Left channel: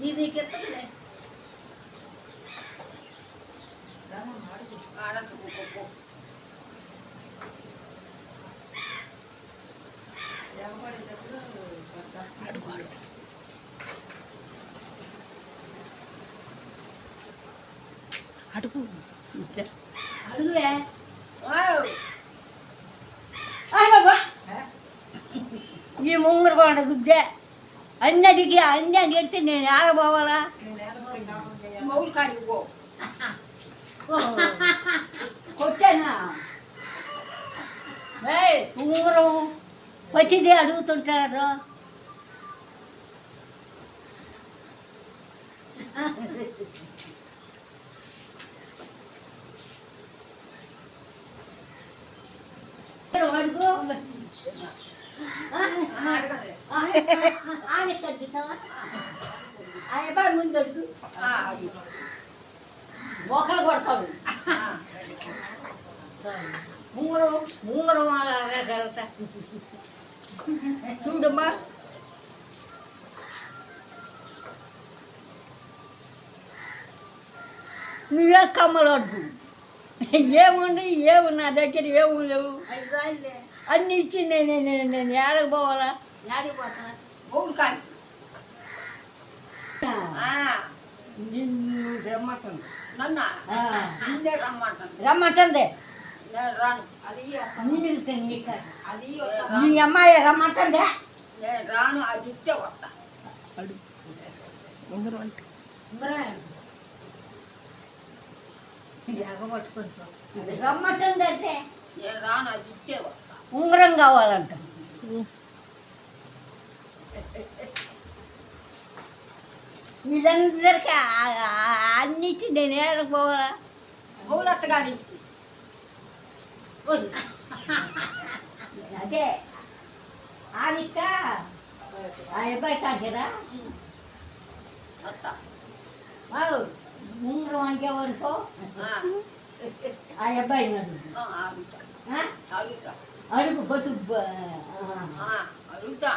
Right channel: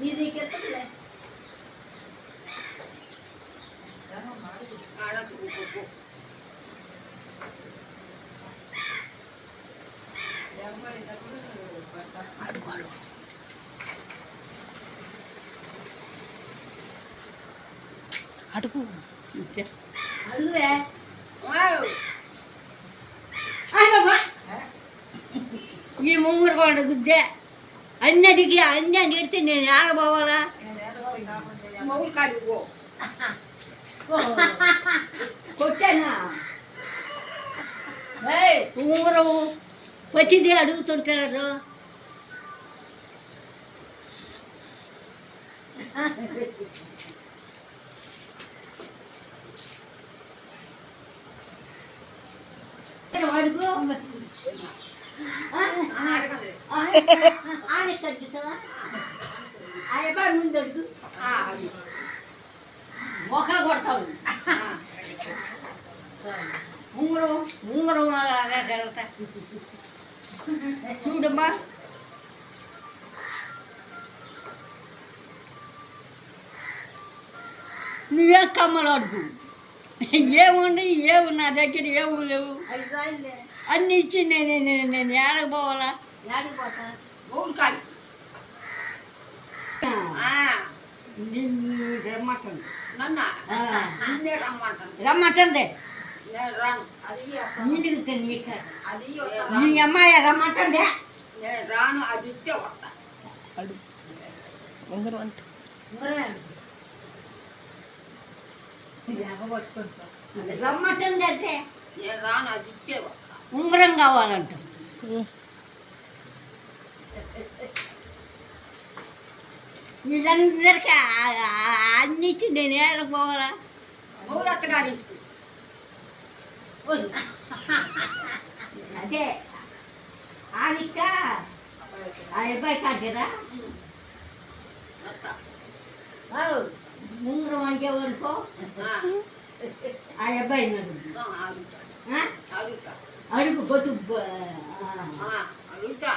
నీకెత్తలే అడుగు అడుగు అడుగు అడుగువే ఈ ముంగర పాడ గుద్దే అన్నిటికీ అన్నీ ఎడితే నేను ఆడపోవాలా కొట్టానా ఉంగరం పచ్చిది అడుగుతుంటారు అడుగు ఆడ కట్టుతావా అబ్బాయి ముందు అడుగు మొక్కలు కొడతావు ఉంగరం ఉంగరం జరుగుతా చూడమ్మా నువ్వే కమ్మలు అడుగు ఏముంది ఏము నా దగ్గర ఏమి లేవు అన్ని ఇచ్చి నేను ఏడకు పోవాలా ఏడకి పోతా కాదు రమ్మంటుంది నన్ను రమ్మంటుంది నీ అమ్మాయి రమ్మంటుందే రాను అది ఇస్తే వస్తా అడుగు ఉంగరం అంటే రమ్మంటుంది అంటే నేను రాను అది ఇస్తే వస్తా ఉంగరం కావాలంట వీళ్ళందరికీ అన్నిచ్చి నేను ఏడకపోవాలా బహుళత్త గారికి అదే ఆనిక ఆ అబ్బాయి కాదా ఉంగరం అంటే వరకు ఆ అబ్బాయి అడుగు బతుకు అడుగుతా